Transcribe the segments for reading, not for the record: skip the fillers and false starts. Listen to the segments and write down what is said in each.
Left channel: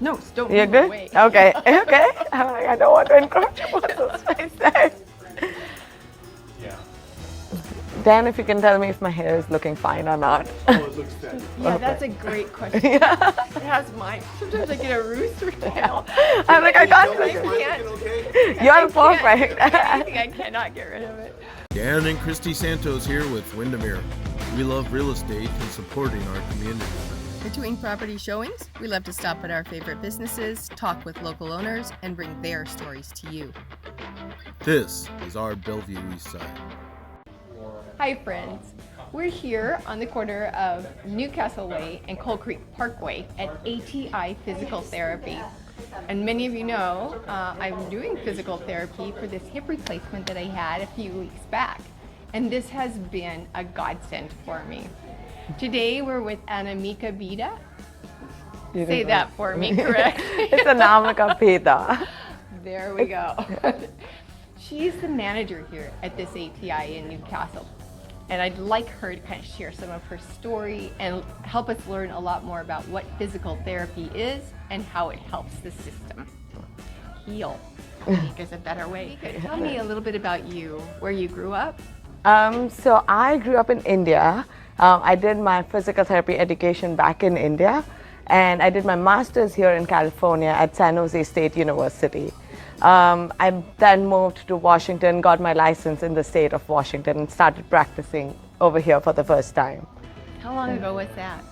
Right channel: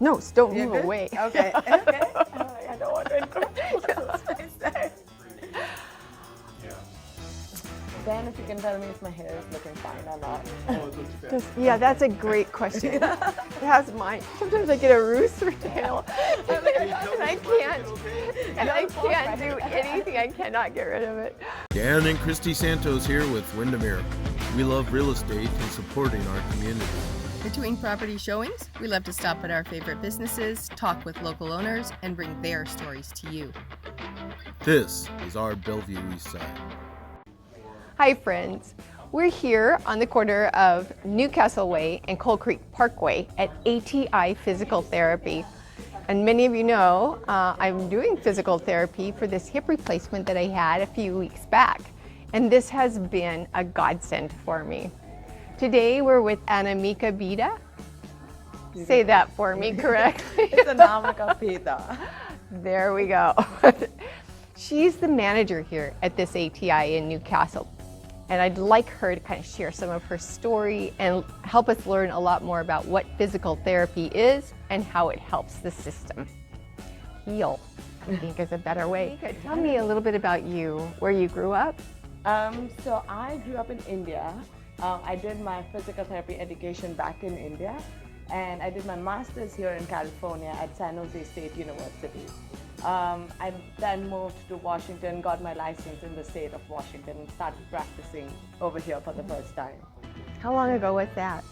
No, don't You're move good? away. Okay, okay. I don't want to encroach upon those space there. Dan, if you can tell me if my hair is looking fine or not. Yeah, that's a great question. That's mine. Sometimes I get a rooster tail. I'm like, I can't. I can't. You're perfect. I cannot get rid of it. Dan and Christy Santos here with Windermere. We love real estate and supporting our community. Between property showings, we love to stop at our favorite businesses, talk with local owners, and bring their stories to you. This is our Bellevue East Side. Hi friends, we're here on the corner of Newcastle Way and Coal Creek Parkway at ATI Physical Therapy. And many of you know I'm doing physical therapy for this hip replacement that I had a few weeks back. And this has been a godsend for me. Today we're with Anamika Beda. Say that for me, correct? It's Anamika Beda. There we go. She's the manager here at this ATI in Newcastle. And I'd like her to kind of share some of her story and help us learn a lot more about what physical therapy is and how it helps the system heal. I think is a better way. Tell me a little bit about you, where you grew up. So I grew up in India. I did my physical therapy education back in India, and I did my master's here in California at San Jose State University. I then moved to Washington, got my license in the state of Washington, and started practicing over here for the first time. How long ago was that?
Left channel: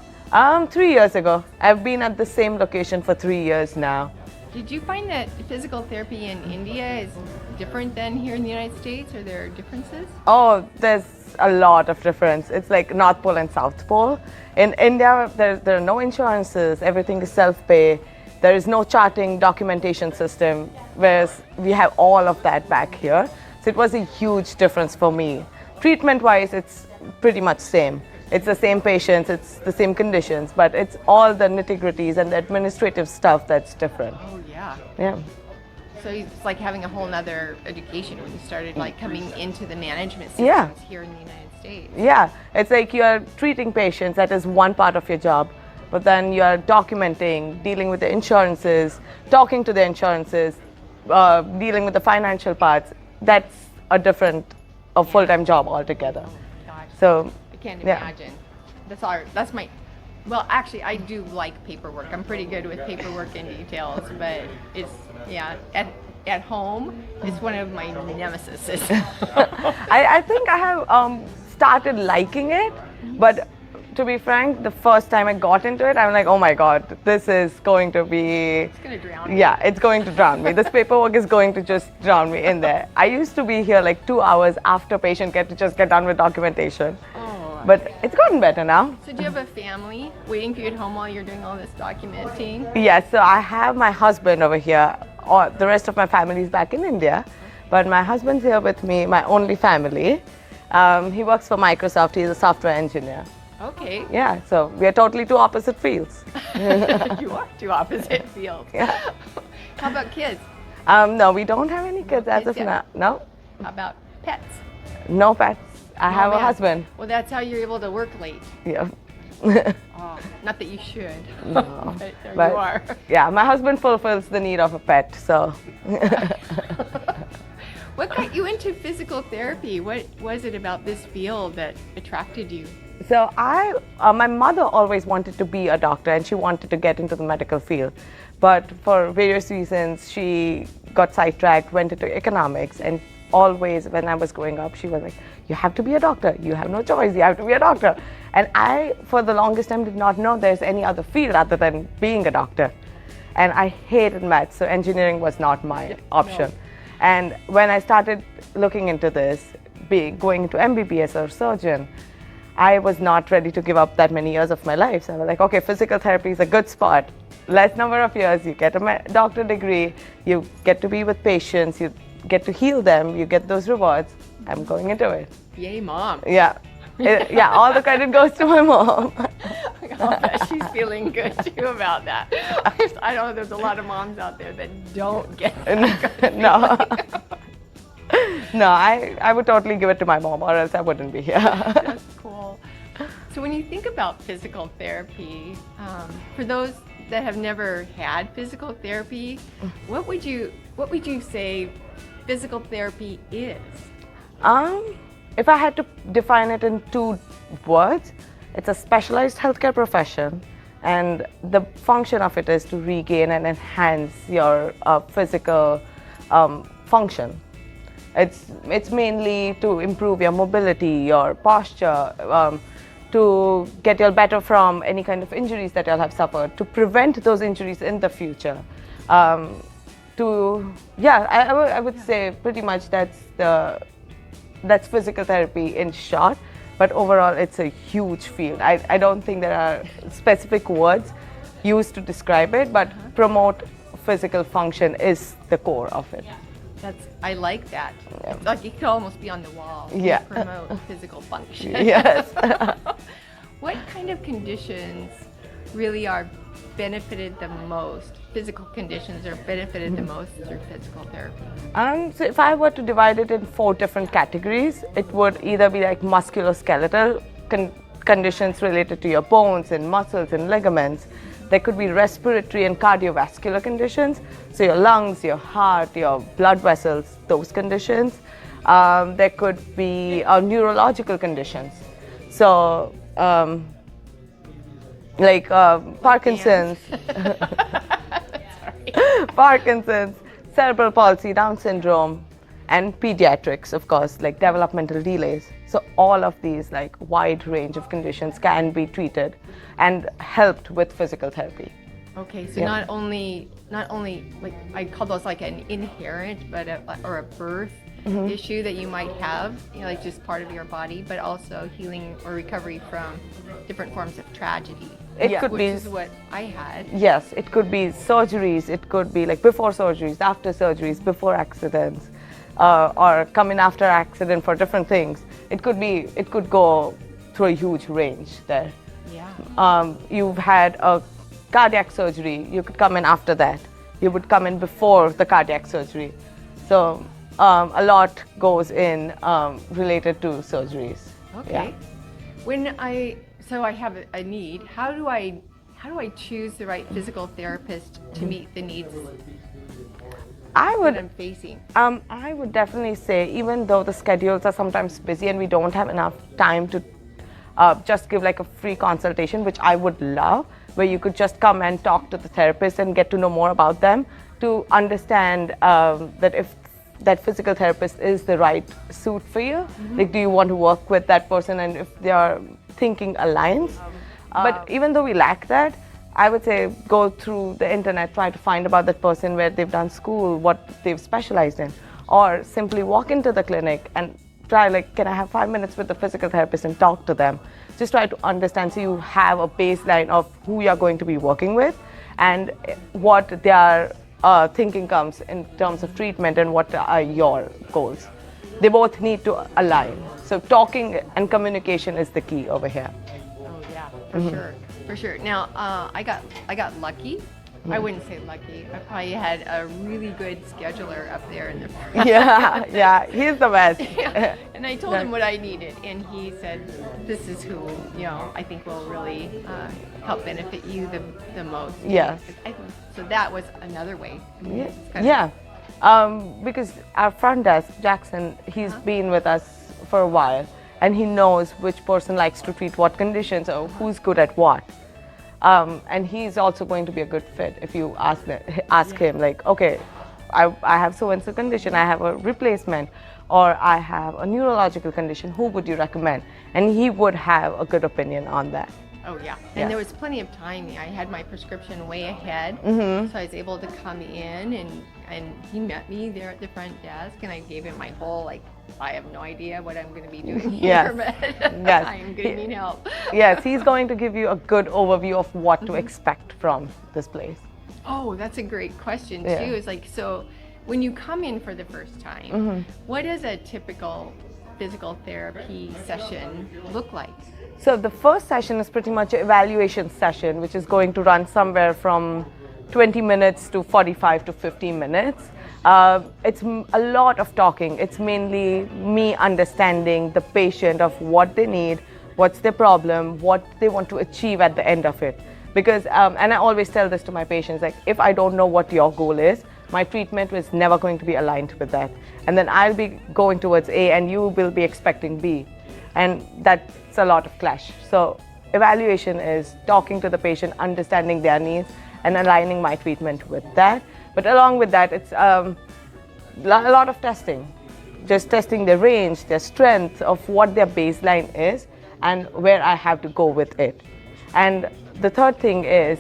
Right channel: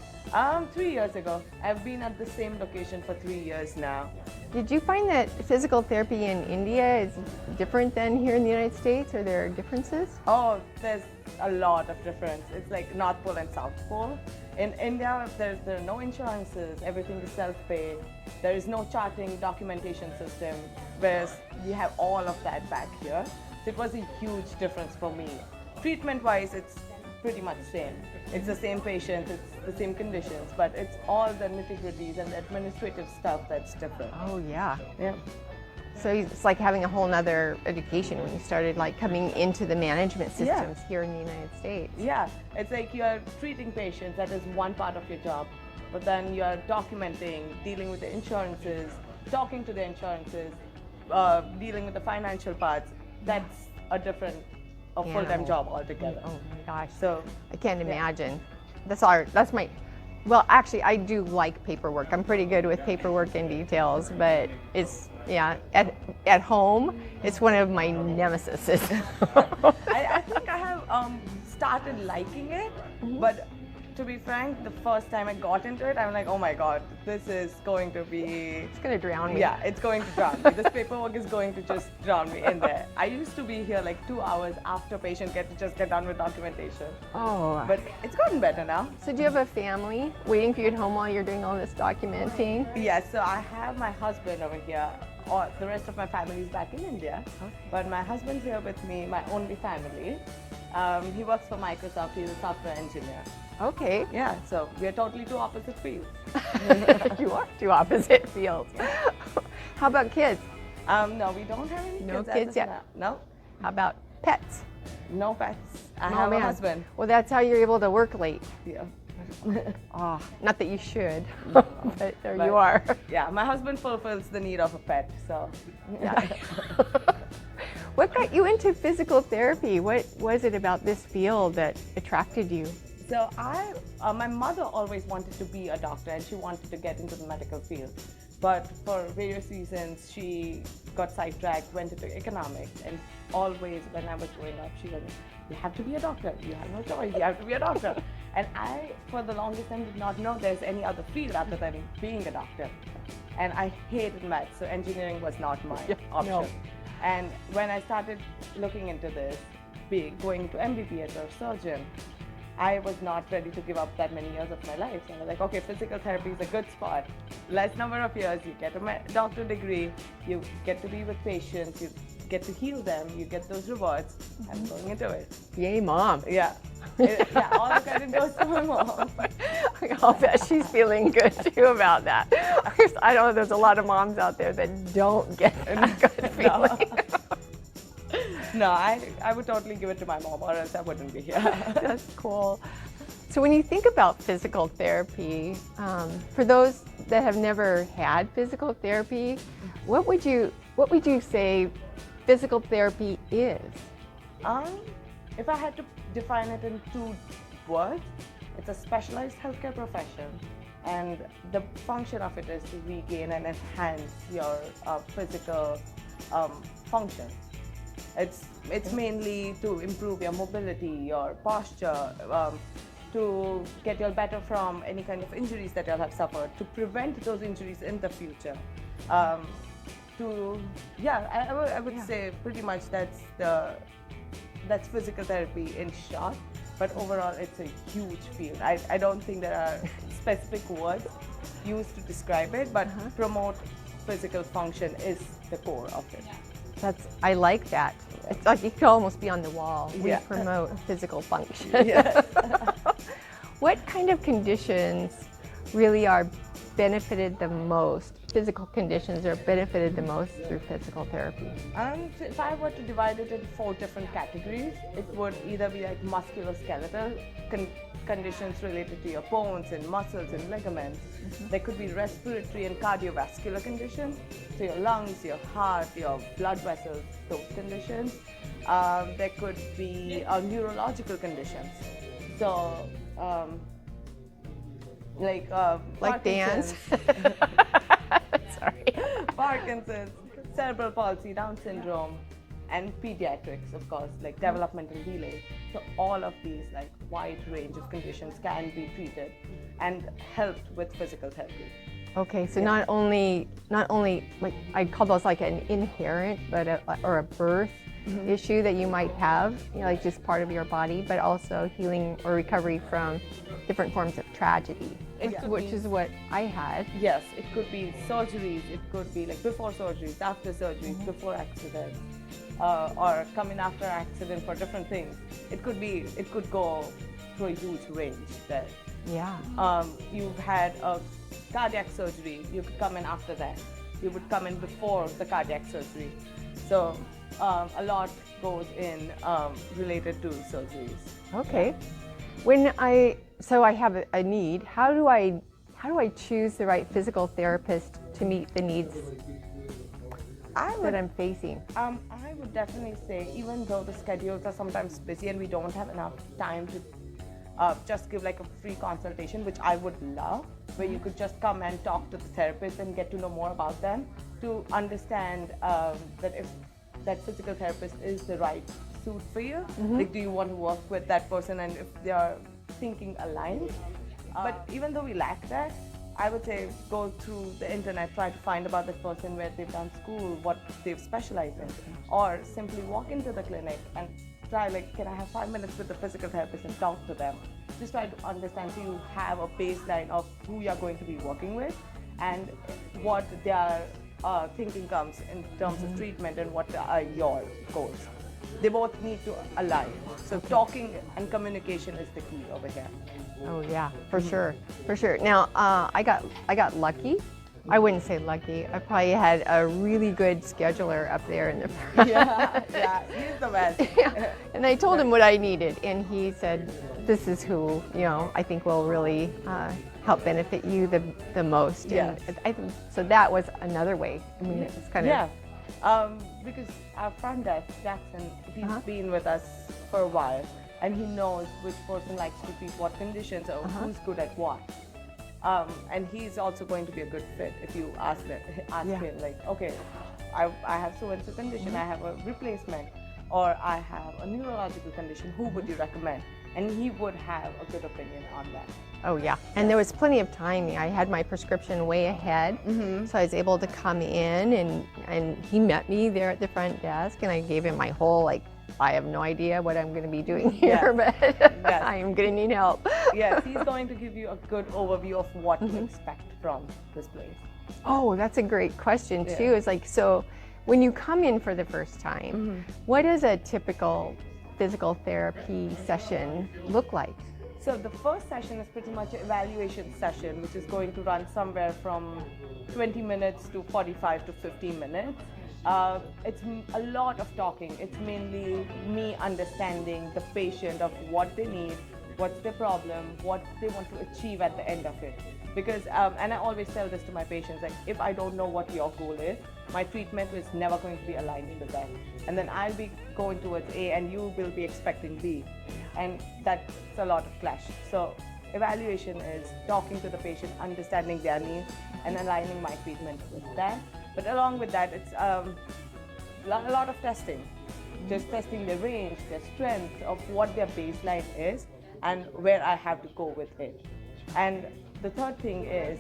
3 years ago. I've been at the same location for 3 years now. Did you find that physical therapy in India is different than here in the United States, or there are differences? Oh, there's a lot of difference. It's like North Pole and South Pole. In India, there are no insurances, everything is self-pay. There is no charting documentation system, whereas we have all of that back here. So it was a huge difference for me. Treatment-wise, it's pretty much same. It's the same patients, it's the same conditions, but it's all the nitty-gritties and the administrative stuff that's different. Oh yeah. Yeah. So it's like having a whole nother education when you started like coming into the management systems Yeah. here in the United States. Yeah, it's like you're treating patients, that is one part of your job, but then you're documenting, dealing with the insurances, talking to the insurances, dealing with the financial parts. That's a different, full-time job altogether. Oh my gosh. So I can't yeah. imagine. That's my, well actually I do like paperwork. I'm pretty good with paperwork and details, but it's, yeah, at home, it's one of my nemesis. I think I have started liking it, but to be frank, the first time I got into it, I'm like, oh my God, this is going to be... It's going to drown me. Yeah, it's going to drown me. This paperwork is going to just drown me in there. I used to be here like 2 hours after patient get done with documentation. Oh. But it's gotten better now. So do you have a family waiting for you at home while you're doing all this documenting? Yes, so I have my husband over here. The rest of my family is back in India. But my husband's here with me, my only family. He works for Microsoft. He's a software engineer. Okay. Yeah, so we are totally two opposite fields. You are two opposite fields. Yeah. How about kids? No, we don't have any kids as kids of yet? now. No, How about pets? no pets. I have a man. husband. Well, that's how you're able to work late. Yeah. Oh, not that you should. No. But there But you are. yeah, my husband fulfills the need of a pet, so. What got you into physical therapy? What was it about this field that attracted you? So my mother always wanted to be a doctor and she wanted to get into the medical field. But for various reasons, she got sidetracked, went into economics, and always when I was growing up, she was like, you have to be a doctor. You have no choice. You have to be a doctor. And I, for the longest time, did not know there's any other field other than being a doctor. And I hated maths, so engineering was not my option. No. And when I started looking into this, going into MBBS or surgeon, I was not ready to give up that many years of my life. So I was like, okay, physical therapy is a good spot. Less number of years, you get a doctorate degree, you get to be with patients, you get to heal them, you get those rewards. I'm going into it. Yay, Mom. Yeah. Yeah, all the credit goes to my mom. I'll bet she's feeling good too about that. I know there's a lot of moms out there that don't get that. No. No, I would totally give it to my mom, or else I wouldn't be here. That's cool. So when you think about physical therapy, for those that have never had physical therapy, what would you say physical therapy is? If I had to define it in 2 words, it's a specialized healthcare profession, and the function of it is to regain and enhance your physical function. It's mainly to improve your mobility, your posture, to get you better from any kind of injuries that you'll have suffered, to prevent those injuries in the future. I would say pretty much that's physical therapy in short, but overall it's a huge field. I don't think there are specific words used to describe it, but promote physical function is the core of it. I like that. It's like you could almost be on the wall. Yeah. Promote physical function. Yes. What kind of conditions really are benefited the most? Physical conditions are benefited the most through physical therapy? So if I were to divide it in 4 different categories, it would either be like muscular skeletal conditions related to your bones and muscles and ligaments. There could be respiratory and cardiovascular conditions, so your lungs, your heart, your blood vessels, those conditions. There could be neurological conditions, so like Parkinson's, Parkinson's, cerebral palsy, Down syndrome, and pediatrics, of course, like developmental delays. So all of these like wide range of conditions can be treated and helped with physical therapy. Okay, so not only like I call those like an inherent or a birth issue that you might have, like just part of your body, but also healing or recovery from different forms of tragedy. It could be, which is what I had. Yes, it could be surgeries. It could be like before surgeries, after surgeries, before accidents, or coming after accident for different things. It could go through a huge range there. Yeah. You've had a cardiac surgery, you could come in after that. You would come in before the cardiac surgery. So a lot goes in related to surgeries. Okay. Yeah. So I have a need, how do I choose the right physical therapist to meet the needs that I'm facing? I would definitely say, even though the schedules are sometimes busy and we don't have enough time to just give like a free consultation, which I would love, where you could just come and talk to the therapist and get to know more about them, to understand that if that physical therapist is the right suit for you. Like, do you want to work with that person, and if their thinking aligns? But even though we lack that, I would say go through the internet, try to find about that person, where they've done school, what they've specialized in, or simply walk into the clinic and try, like, can I have 5 minutes with the physical therapist and talk to them? Just try to understand, so you have a baseline of who you're going to be working with and what their thinking comes in terms of treatment and what are your goals. They both need to align. So talking and communication is the key over here. Oh yeah, for sure. Now I got lucky. I wouldn't say lucky. I probably had a really good scheduler up there in the front. Yeah, he's the best. Yeah. And I told him what I needed, and he said, "This is who I think will really help benefit you the most." Yes. So that was another way. I mean, it's kind of, because our front desk, Jackson, he's been with us for a while, and he knows which person likes to treat what conditions or who's good at what. And he's also going to be a good fit if you ask him, like, okay, I have so-and-so condition, I have a replacement, or I have a neurological condition, who would you recommend? And he would have a good opinion on that. Oh yeah, and there was plenty of time. I had my prescription way ahead, so I was able to come in, and he met me there at the front desk, and I gave him my whole, like, I have no idea what I'm going to be doing here, but I'm going to need help. Yes, he's going to give you a good overview of what to expect from this place. Oh, that's a great question too. It's like, so when you come in for the first time, what does a typical physical therapy session look like? So the first session is pretty much an evaluation session, which is going to run somewhere from 20 minutes to 45 to 50 minutes. It's a lot of talking. It's mainly me understanding the patient of what they need, what's their problem, what they want to achieve at the end of it. Because, and I always tell this to my patients, like if I don't know what your goal is, my treatment is never going to be aligned with that. And then I'll be going towards A and you will be expecting B. And that's a lot of clash. So evaluation is talking to the patient, understanding their needs, and aligning my treatment with that. But along with that, it's a lot of testing. Just testing their range, their strength of what their baseline is and where I have to go with it. And the third thing is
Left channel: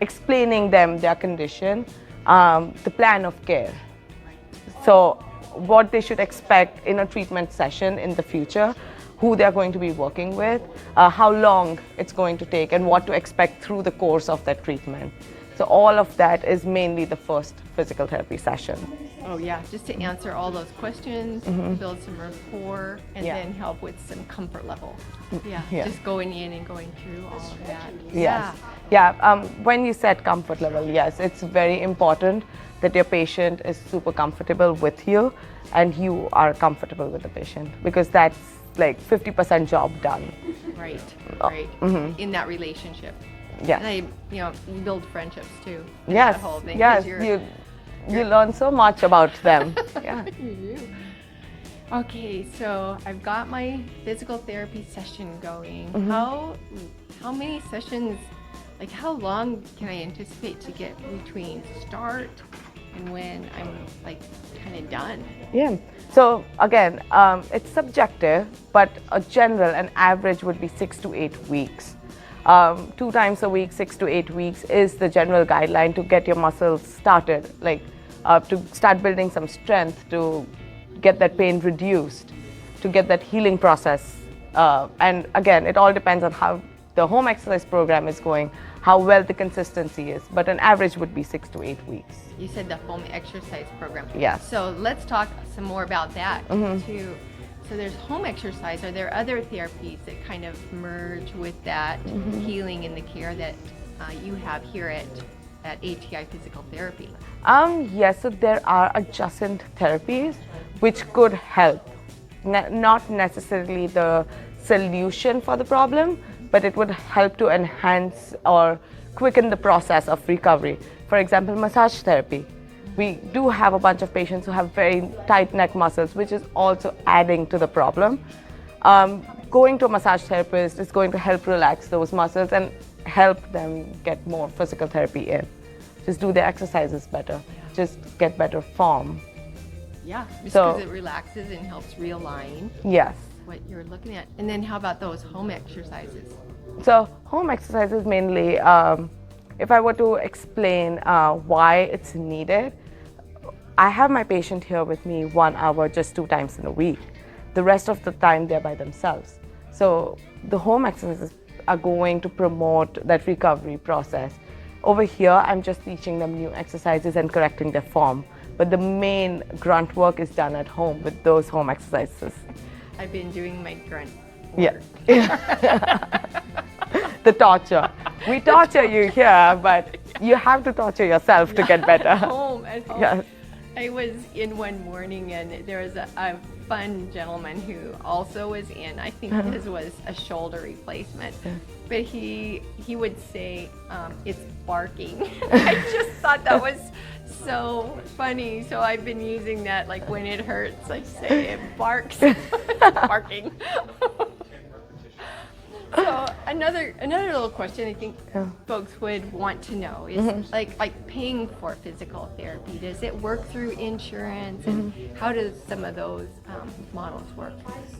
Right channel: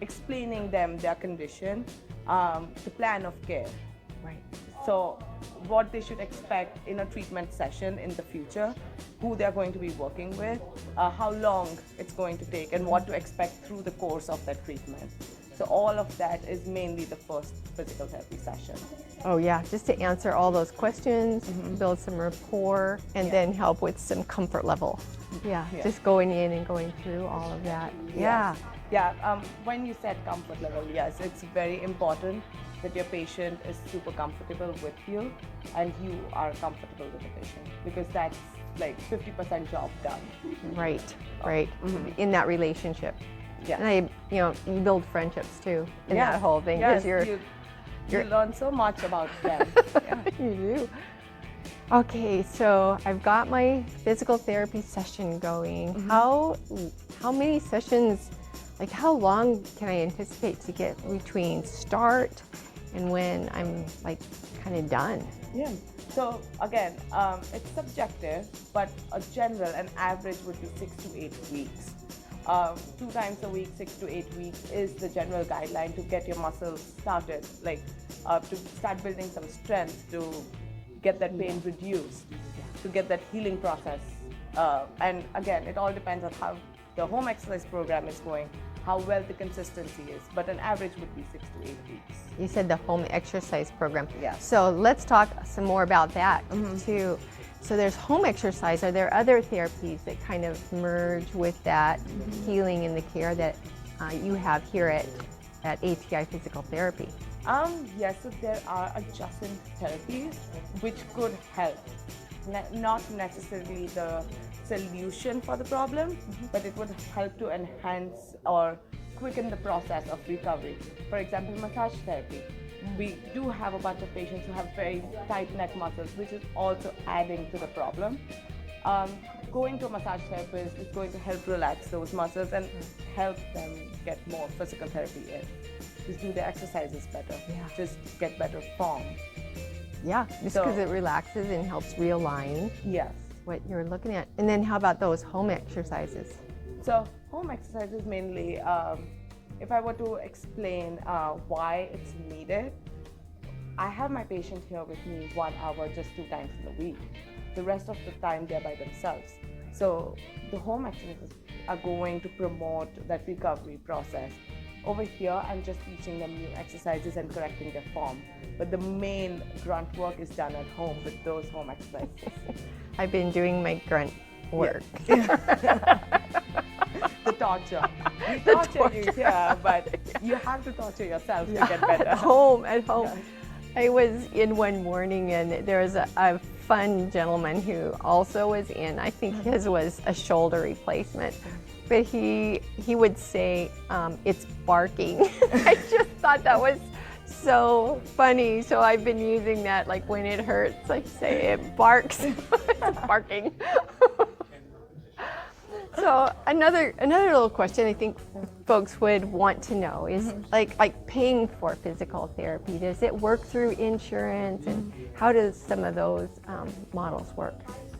explaining them their condition, the plan of care. So what they should expect in a treatment session in the future, who they're going to be working with, how long it's going to take, and what to expect through the course of that treatment. So all of that is mainly the first physical therapy session. Oh yeah, just to answer all those questions, build some rapport, and then help with some comfort level. Yeah, just going in and going through all of that. Yes. Yeah, when you said comfort level, yes, it's very important that your patient is super comfortable with you and you are comfortable with the patient, because that's like 50% job done. Right, right. In that relationship. Yeah. And you build friendships too. In Yes, that whole thing. yes, 'Cause you learn so much about them. Yeah. you do. Okay, so I've got my physical therapy session going. How many sessions, like how long can I anticipate to get between start and when I'm like kind of done? Yeah. So again, it's subjective, but an average would be 6 to 8 weeks. 2 times a week, 6 to 8 weeks is the general guideline to get your muscles started, like to start building some strength, to get that pain reduced, to get that healing process. And again, it all depends on how the home exercise program is going, how well the consistency is, but an average would be 6 to 8 weeks. You said the home exercise program. Yes. So let's talk some more about that too. So there's home exercise. Are there other therapies that kind of merge with that healing and the care that you have here at ATI Physical Therapy? Yes, so there are adjacent therapies which could help. Not necessarily the solution for the problem, but it would help to enhance or quicken the process of recovery. For example, massage therapy. We do have a bunch of patients who have very tight neck muscles, which is also adding to the problem. Going to a massage therapist is going to help relax those muscles and help them get more physical therapy in. Just do their exercises better, just get better form. Yeah, just because it relaxes and helps realign Yes. what you're looking at. And then how about those home exercises? So home exercises mainly, if I were to explain why it's needed, I have my patient here with me 1 hour just 2 times in a week. The rest of the time they're by themselves. So the home exercises are going to promote that recovery process. Over here, I'm just teaching them new exercises and correcting their form. But the main grunt work is done at home with those home exercises. I've been doing my grunt work. The torture. We torture you here, but you have to torture yourself to get better. At home. Yes. I was in one morning and there was a fun gentleman who also was in. I think his was a shoulder replacement. But he would say, it's barking. I just thought that was so funny. So I've been using that, like when it hurts, like say it barks. Barking. So another little question I think folks would want to know is like paying for physical therapy. Does it work through insurance, and how does some of those models work?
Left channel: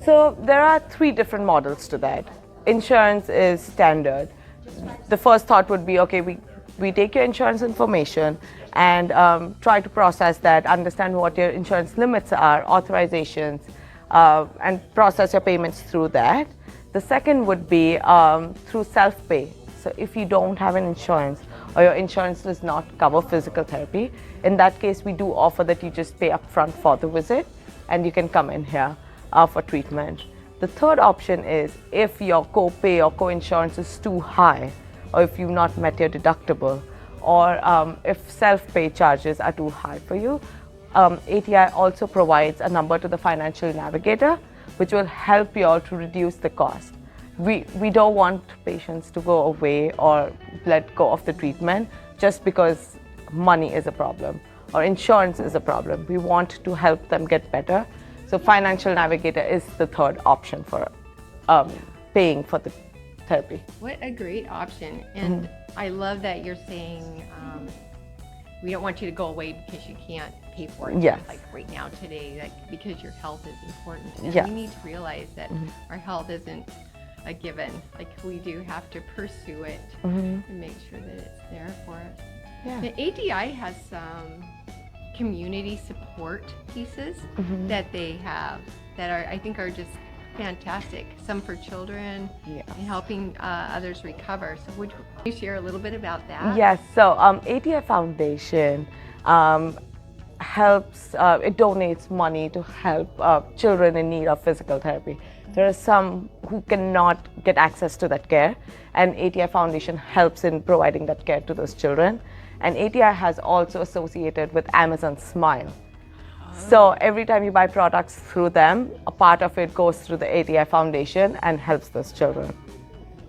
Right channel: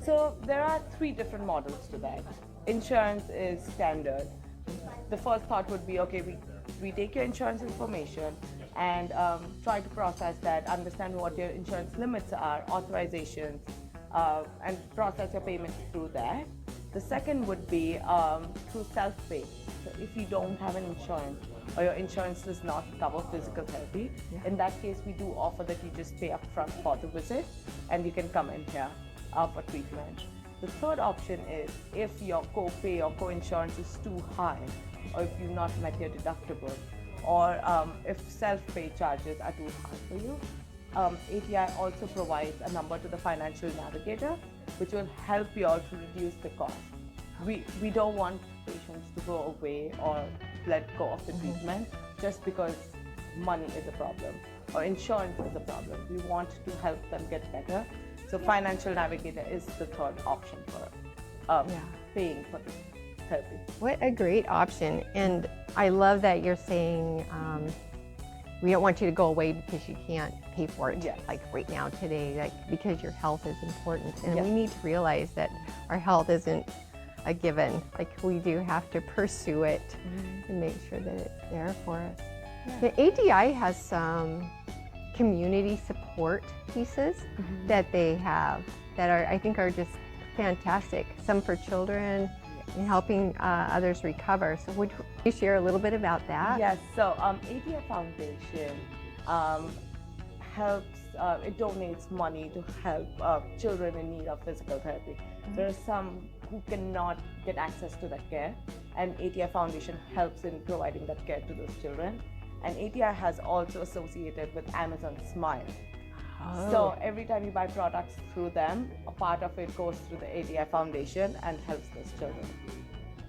So there are 3 different models to that. Insurance is standard. The first thought would be, okay, we take your insurance information and try to process that, understand what your insurance limits are, authorizations, and process your payments through that. The second would be through self-pay. So if you don't have an insurance or your insurance does not cover physical therapy, in that case we do offer that you just pay upfront for the visit and you can come in here for treatment. The third option is if your co-pay or co-insurance is too high, or if you've not met your deductible, or if self-pay charges are too high for you, ATI also provides a number to the financial navigator, which will help you all to reduce the cost. we don't want patients to go away or let go of the treatment just because money is a problem or insurance is a problem. We want to help them get better. So financial navigator is the third option for paying for the therapy. What a great option. And I love that you're saying we don't want you to go away because you can't pay for it. Yes. Like right now, today, like because your health is important. And Yes. we need to realize that our health isn't a given. Like we do have to pursue it and make sure that it's there for us. Yeah. The ATI has some community support pieces that they have that are, I think, are just fantastic. Some for children and helping others recover. So would you share a little bit about that? Yes, so ATI Foundation helps, it donates money to help children in need of physical therapy. There are some who cannot get access to that care, and ATI Foundation helps in providing that care to those children. And ATI has also associated with Amazon Smile. So every time you buy products through them, a part of it goes through the ATI Foundation and helps those children.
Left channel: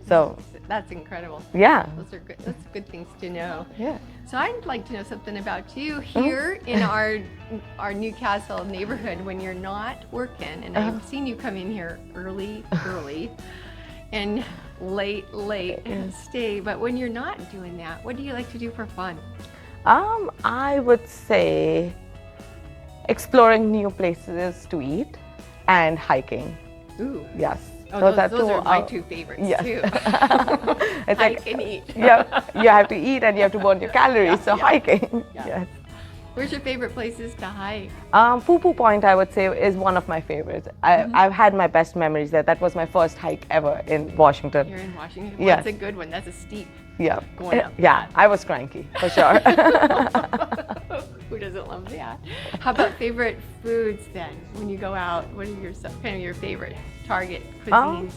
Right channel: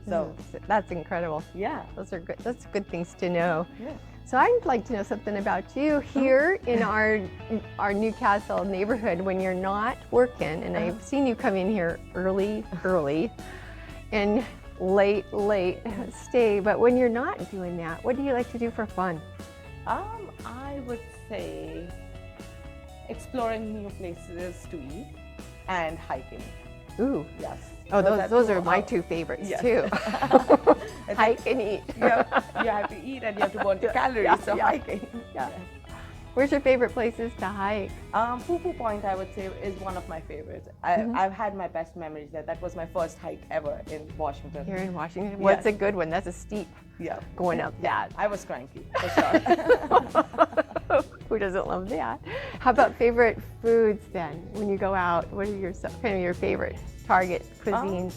So that's incredible. yeah. Those are good. That's good things to know. Yeah. So I'd like to know something about you here in our Newcastle neighborhood when you're not working, and I've seen you come in here early, and late, and stay. But when you're not doing that, what do you like to do for fun? I would say exploring new places to eat and hiking. Ooh. Yes. Oh, those are my two favorites too. It's Hike and eat. Yeah, you have to eat and you have to burn your calories, so hiking. Yes. Where's your favorite places to hike? Poo Point, I would say, is one of my favorites. I've had my best memories there. That was my first hike ever in Washington. You're in Washington? Yeah. That's a good one. That's a steep Yeah. going up. Yeah, I was cranky, for sure. Who doesn't love that? How about favorite foods then? When you go out, what are your kind of your favorite target cuisines?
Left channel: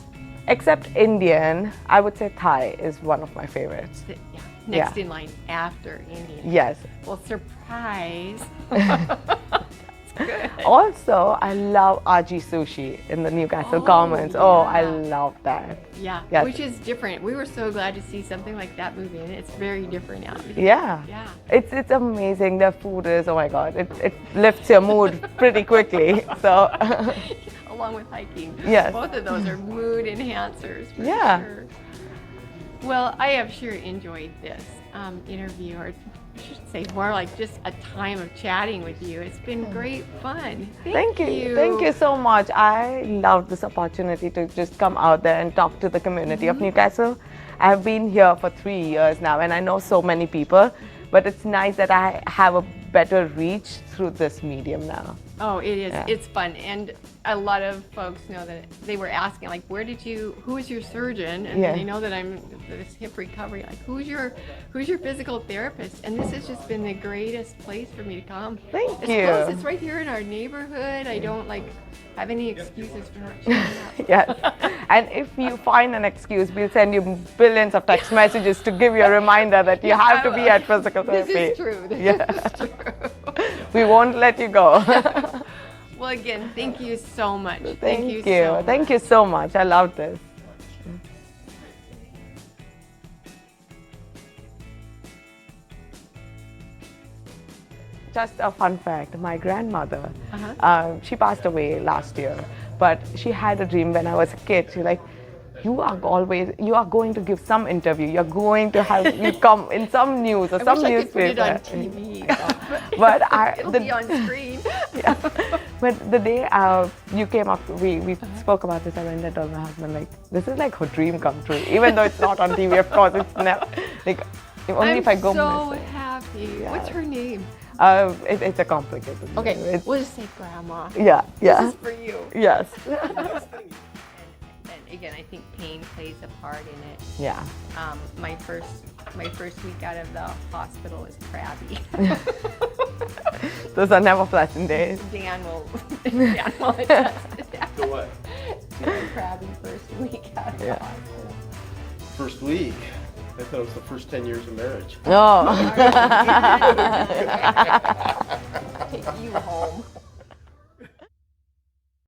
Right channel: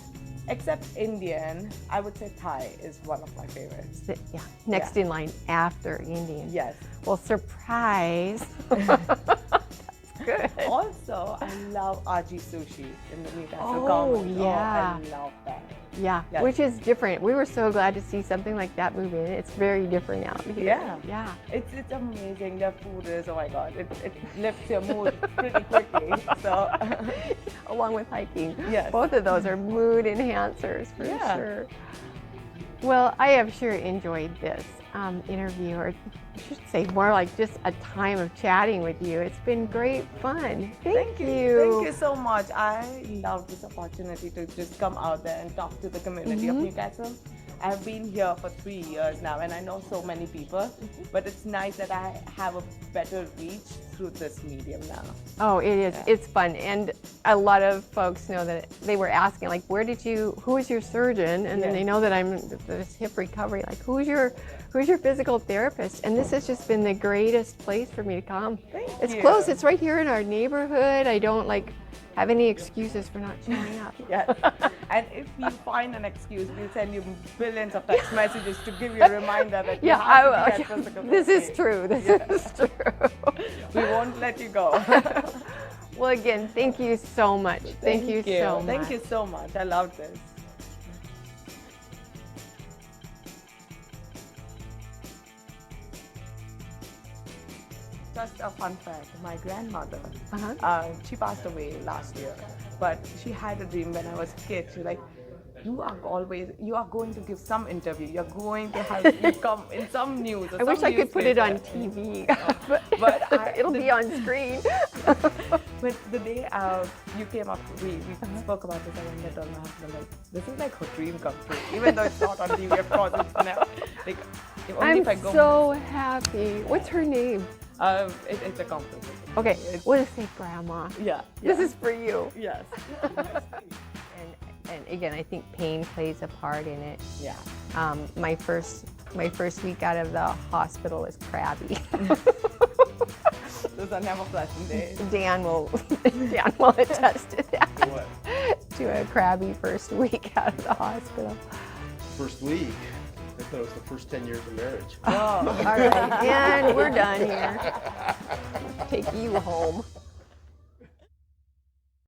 Except Indian, I would say Thai is one of my favorites. Yeah, next in line after Indian. Yes. Well, surprise. Also, I love Aji Sushi in the Newcastle Commons. Yeah. Oh, I love that. Yeah, Yes. which is different. We were so glad to see something like that move in. It's very different out here. Yeah. Yeah. It's amazing. The food is, oh my God, it lifts your mood pretty quickly. So, Along with hiking. Yes. Both of those are mood enhancers for Yeah. sure. Well, I have sure enjoyed this interview, or I should say more like just a time of chatting with you. It's been great fun. thank you. Thank you so much. I love this opportunity to just come out there and talk to the community of Newcastle. I've been here for 3 years now, and I know so many people, but it's nice that I have a better reach through this medium now. Oh, it is. Yeah. It's fun, and a lot of folks know that they were asking, like, who is your surgeon? And Yeah. they know that I'm this hip recovery. Like, who's your physical therapist? And this has just been the greatest place for me to come. Thank It's you. close. It's right here in our neighborhood. I don't have any excuses for not showing up. Yes. And if you find an excuse, we'll send you billions of text messages to give you a reminder that you have to be at physical therapy. This is true. This is true. We won't let you go. Well, again, thank you so much. Thank you so much. Thank you so much. I love this. Just a fun fact, my grandmother, she passed away last year, but she had a dream when I was a kid. She's like, you are going to give some interview. You're going to have you come in some news or I some wish I could put it on newspaper. TV. But It'll be on screen. Yeah. But the day you came up, we spoke about this, and I told my husband, like, this is like her dream come true. Even though it's not on TV, of course, it's never, like, only if I go so missing. happy. What's her name? It's a complicated. Okay, we'll just say Grandma. Yeah, yeah. This is for you. Yes. And again, I think pain plays a part in it. Yeah. My first week out of the hospital was crabby. Those are never pleasant days. Dan will attest to that. To a crabby first week out of the hospital. First week. I thought it was the first 10 years of marriage. No. All right, Dan, we're done. Take you home.